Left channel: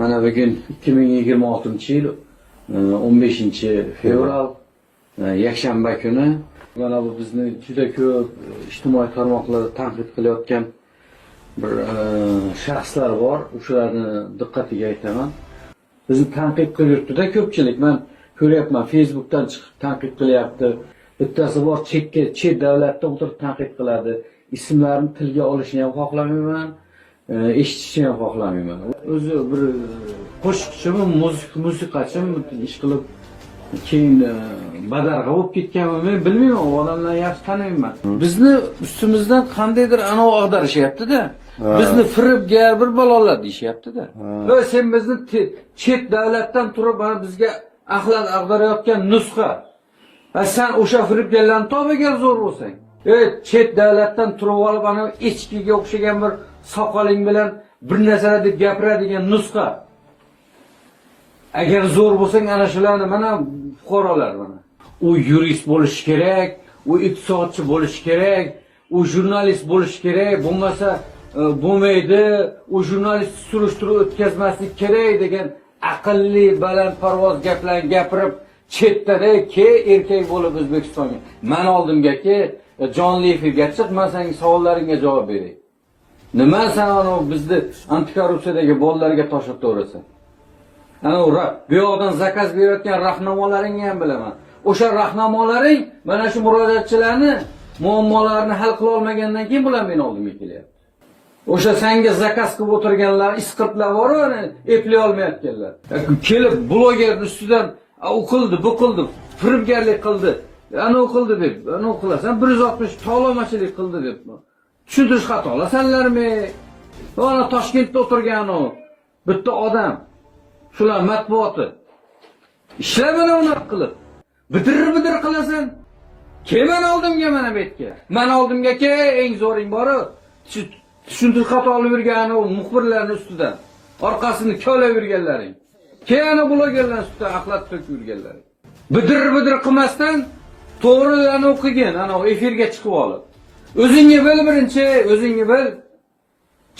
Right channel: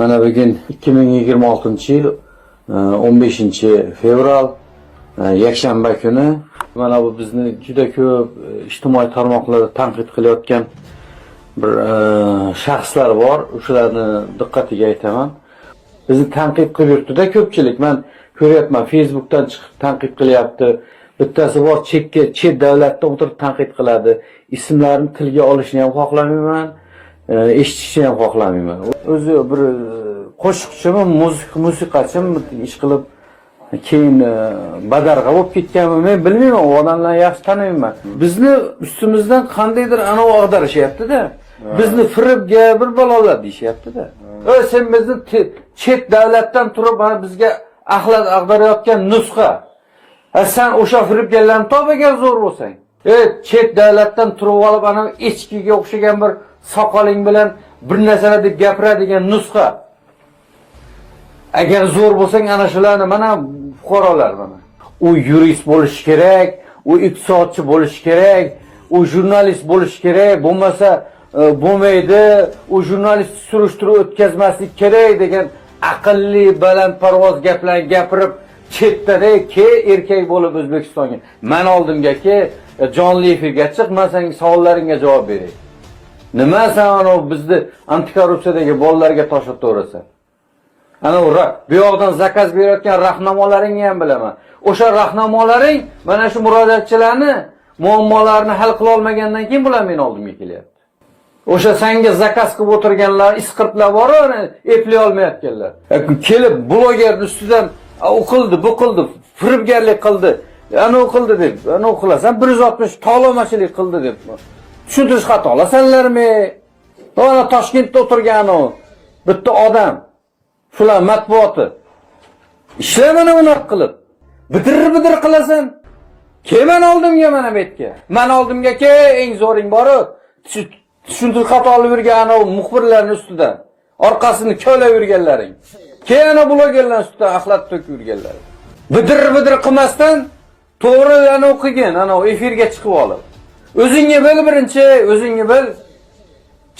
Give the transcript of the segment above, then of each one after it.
Mana bugun 2026-yil 15-fevral yakshanba kuni mana bu bizni juda ko'p ijtimoiy tarmoqlarda tanqid qilayotgan bir shaxslar bor. O'shalarni diqqatiga aytaman. Bizni tanqid qilyapti-da ko'pchilik. Men ko'ryapman, Facebookdan chiqib tanqid qilyapti. Bittasi bor chet davlatda o'tirib tanqid qiladi. Ismlarini tilga olishni ham xohlamayman. Eshitishni ham xohlamayman. O'zi bir qo'shiqchimi, musiqachimi ish qilib keyin badarg'a bo'lib ketganmi men bilmayman. U odamlarni yaxshi taniyman. Bizni ustimizdan qandaydir anavi ag'darishyapti-da. Bizni firibga bir balolar deyishyapti-da. Sen bizni chet davlatdan turib mana bizga axlat ag'darayotgan nusxa. Sen o'sha firibgarlarni topagan zo'r bo'lsang. Chet davlatdan turib olib ana echkiga o'xshagan bir soqoling bilan bir narsalar deb gapiradigan nusxa. Agar zo'r bo'lsang ana shularni mana fuqarolar mana. U yurist bo'lishi kerak, u iqtisodchi bo'lishi kerak, u jurnalist bo'lishi kerak, bo'lmasa bo'lmaydi, u jurnalist surishtiruv o'tkazmaslik kerak degan aqlli balandparvoz gaplarni gapirib chetda erkak bo'lib O'zbekistonga. Men oldimga jonli efirga chiq, men sening savollaringga javob beray. Nima sen ana bizni antikorrupsiyadagi bolalarga tosh otaverasan? Ana bu yoqdan zakaz berayotgan rahnamolaringni ham bilaman. O'sha rahnamolaring mana shu murojaatchilarni muammolarini hal qila olmagandan keyin bular men oldimga kelyapti. O'sha senga zakaz qilib o'tirganlar, isqirtlar bor, eplay olmayotganlar. Kelib blogerning ustidan u qildi, bu qildi, firibgarlik qildi, ana u qildi deb, ana u qilasan 160 tolomachilik qildi deb. Tushuntirish xato olasanlarmi? Mana Toshkentda o'tirgan u bitta odam. Shular matbuoti. Ishlar mana unaqa qilib. Bidir qilasan. Kelman oldimga mana bu yerga. Men oldimga eng zo'ring bori tushuntirish xato olib yurgan u muxbirlarning ustidan. Orqasini ko'lab yurganlaring. Keyin blogerlar ustidan axlat to'kib yurganlar. Bidir qilmasdan to'g'rilarni o'qigan, ana efirga chiqib olib. O'zingni bil birinchi, o'zingni bil.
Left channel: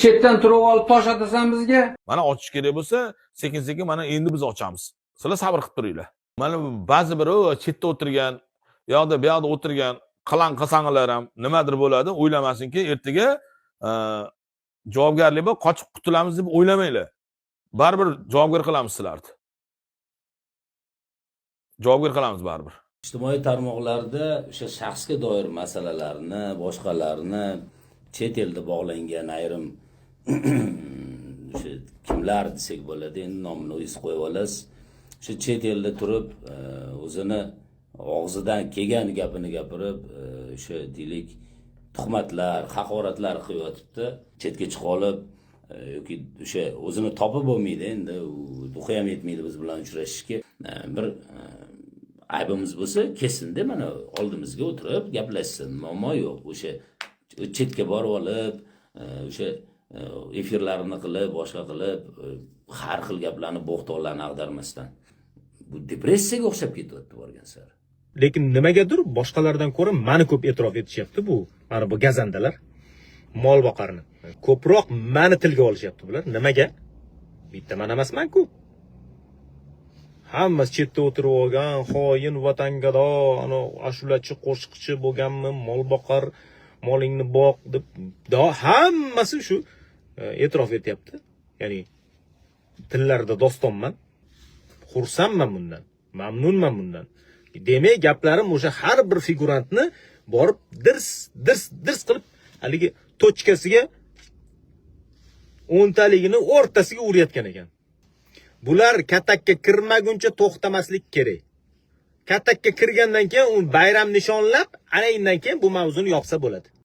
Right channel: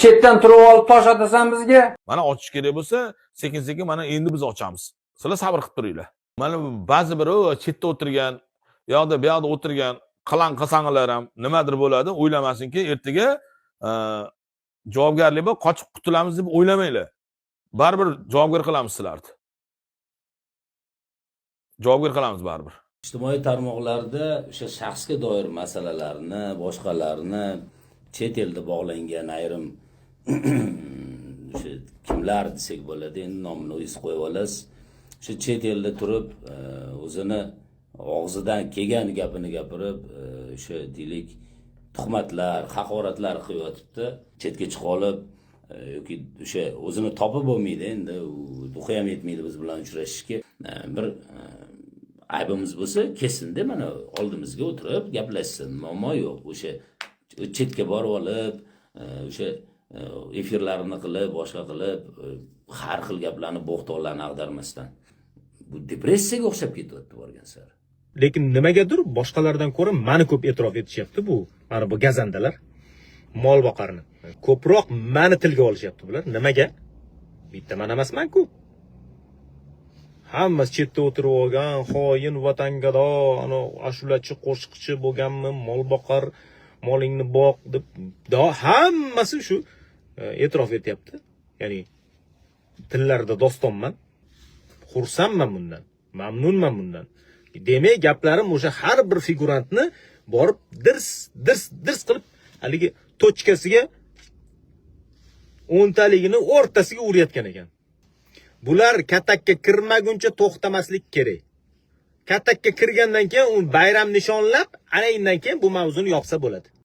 Chetdan turib olib tosh atasan bizga. Mana ochish kerak bo'lsa, sekin-sekin mana endi biz ochamiz. Sizlar sabr qilib turinglar. Mana ba'zi biri chetda o'tirgan, yo'qda bu yoqda o'tirgan qalang-qasanglar ham nimadir bo'ladi, o'ylamasinki, ertaga javobgarlik bor, qochib qutulamiz deb o'ylamanglar. Baribir javobgar qilamiz sizlarni. Javobgar qilamiz baribir. Ijtimoiy tarmoqlarda o'sha shaxsga doir masalalarni, boshqalarni chet elda bog'langan ayrim o'sha kimlar desak bo'ladi, endi nomini o'zingiz qo'yib olasiz. O'sha chet elda turib o'zini og'zidan kelgan gapini gapirib, o'sha deylik tuhmatlar, haqoratlar qilib yotibdi. Chetga chiqib olib yoki o'sha o'zini topib bo'lmaydi, endi ruhi ham yetmaydi biz bilan uchrashishga. Bir aybimiz bo'lsa, kesin-da mana oldimizga o'tirib gaplashsin, muammo yo'q. O'sha chetga borib olib, o'sha efirlarini qilib, boshqa qilib, har xil gaplarni, bo'xtoqlarni ag'darmasdan. Bu depressiyaga o'xshab ketyapti borgan sari. Lekin nimagadir boshqalardan ko'ra meni ko'p e'tirof etishyapti bu. Mana bu gazandalar mol boqarni. Ko'proq meni tilga olishyapti bular. Nimaga? Bitta men emasman-ku. Hammasi chetda o'tirib olgan, xoin, vatangado, ana ashulachi, qo'shiqchi bo'lganmi, mol boqar, molingni boq deb hammasi shu e'tirof etyapti. Ya'ni tillarda dostonman. Xursandman bundan, mamnunman bundan. Demak, gaplarim o'sha har bir figurantni borib dirs qilib haligi tochkasiga 10 taligini o'rtasiga urayotgan ekan. Bular katakka kirmaguncha to'xtamaslik kerak. Katakka kirgandan keyin u bayram nishonlab, ana undan keyin bu mavzuni yopsa bo'ladi.